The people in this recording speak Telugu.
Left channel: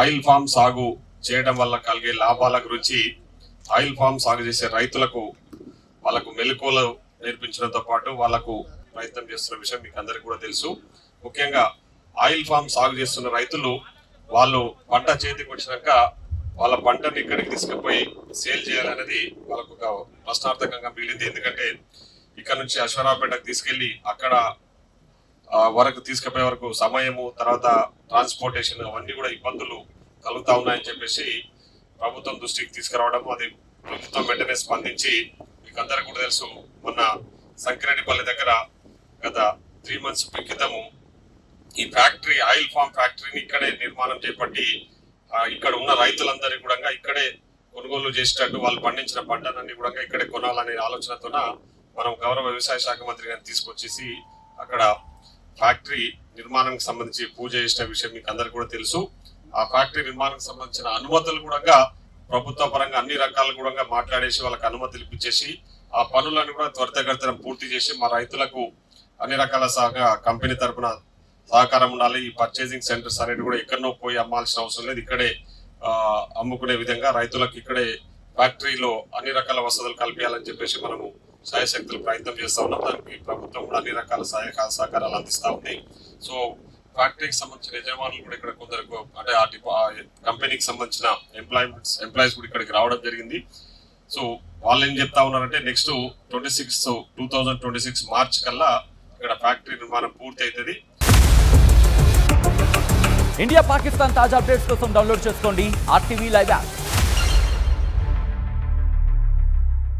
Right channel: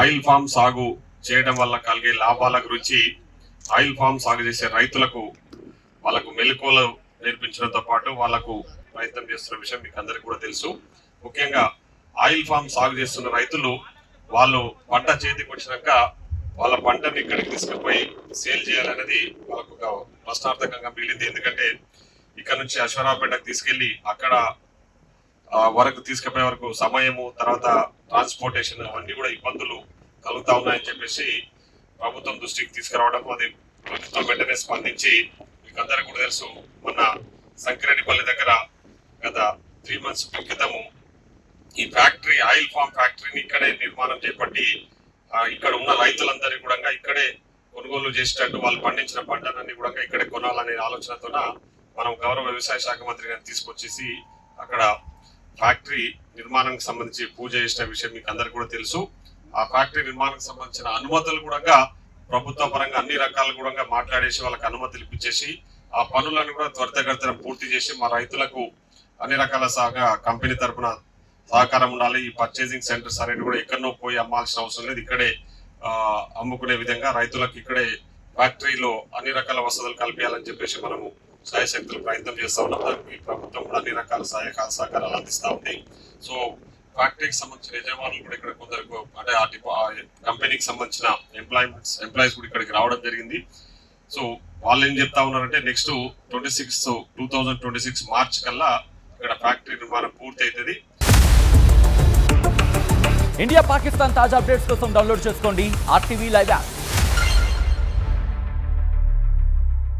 ఆయిల్ ఫామ్ సాగు చేయడం వల్ల కలిగే లాభాల గురించి ఆయిల్ ఫామ్ సాగు చేసే రైతులకు వాళ్ళకు మెలకువలు నేర్పించడంతో పాటు వాళ్ళకు ప్రయత్నం చేస్తున్న విషయం మీకు అందరికీ కూడా తెలుసు. ముఖ్యంగా ఆయిల్ ఫామ్ సాగు చేస్తున్న రైతులు వాళ్ళు పంట చేతికి వచ్చినాక వాళ్ళ పంటని ఇక్కడికి తీసుకుపోయి సేల్ చేయాలనేది వాళ్ళకు ఒక ప్రశ్నార్థకంగా మిగిలింది. ఎందుకంటే ఇక్కడ నుంచి అశ్వరావుపేటకు తీసుకెళ్లి అక్కడ వరకు తీసుకుపోయే వరకు సమయము, తర్వాత ట్రాన్స్పోర్టేషన్ అవన్నీ కూడా ఇబ్బందులు కలుగుతా ఉన్నాయని చెప్పేసి ప్రభుత్వం దృష్టికి తీసుకురావడం, అది ప్రభుత్వం వెంటనే స్పందించి మీకు అందరికీ కూడా తెలుసు, మొన్న సంకిరెడ్డిపల్లి దగ్గర గత 3 months క్రితము ఈ ఫ్యాక్టరీ ఆయిల్ ఫామ్ ఫ్యాక్టరీని ఇక్కడే నిర్మాణం చేపట్టి ఇక్కడ ఉన్న రైతులందరినీ కూడా ఇక్కడే కొనుగోలు చేసేటట్టు వాళ్ళు పండించిన పంటలన్నీ కూడా ఇక్కడే కొనాలనే ఆలోచనతో మనం గౌరవ వ్యవసాయ శాఖ మంత్రి గారిని తీసుకొచ్చేసి అక్కడ ఫ్యాక్టరీ నిర్మాణానికి సంబంధించి పూజ చేసిన విషయం మీకు అందరికీ కూడా తెలుసు. ఆ ఫ్యాక్టరీ నిర్మాణానికి సంబంధించిన అనుమతులు కూడా ప్రభుత్వ పరంగా అన్ని రకాలు కూడా మాట్లాడేసి వాళ్ళకి అనుమతులు ఇప్పించేసి ఆ పనులను కూడా త్వరితగతిన పూర్తి చేసి మా రైతులకు అన్ని రకాల కంపెనీ తరఫున సహకారం ఉండాలి. ఈ పర్చేసింగ్ సెంటర్స్ అనేది కూడా ఎక్కడనో పోయి అమ్మాల్సిన అవసరం లేదు, ఇక్కడే అమ్ముకునే విధంగా రైతులకు ఇక్కడే ఫ్యాక్టరీలో అన్ని రకాల వసతులు కల్పించాలని చెప్పేసి మనము సాయశక్తులు ప్రయత్నం చేస్తా ఉన్నాం. దానికి ప్రభుత్వం కూడా అన్ని రకాల సహకారాలు అందిస్తా ఉంది. సో ఫ్యాక్టరీకి సంబంధించిన యజమానులు కూడా ఇక్కడ కొందరు అంటే ఆ కంపెనీకి సంబంధించిన ఎంప్లాయీస్ కూడా ఇక్కడికి రావడం జరిగింది. సో వాళ్ళు ఏం చెప్తా ఉన్నారంటే నెక్స్ట్ 2026 మార్చ్ కల్లా ఇక్కడ ఫ్యాక్టరీ నిర్మాణం పూర్తి అవుతుంది. ఇండియా పాకిస్తాన్ తాజా అప్డేట్స్ కోసం డౌన్లోడ్ చేసుకోండి RTV లైవ్ యాప్.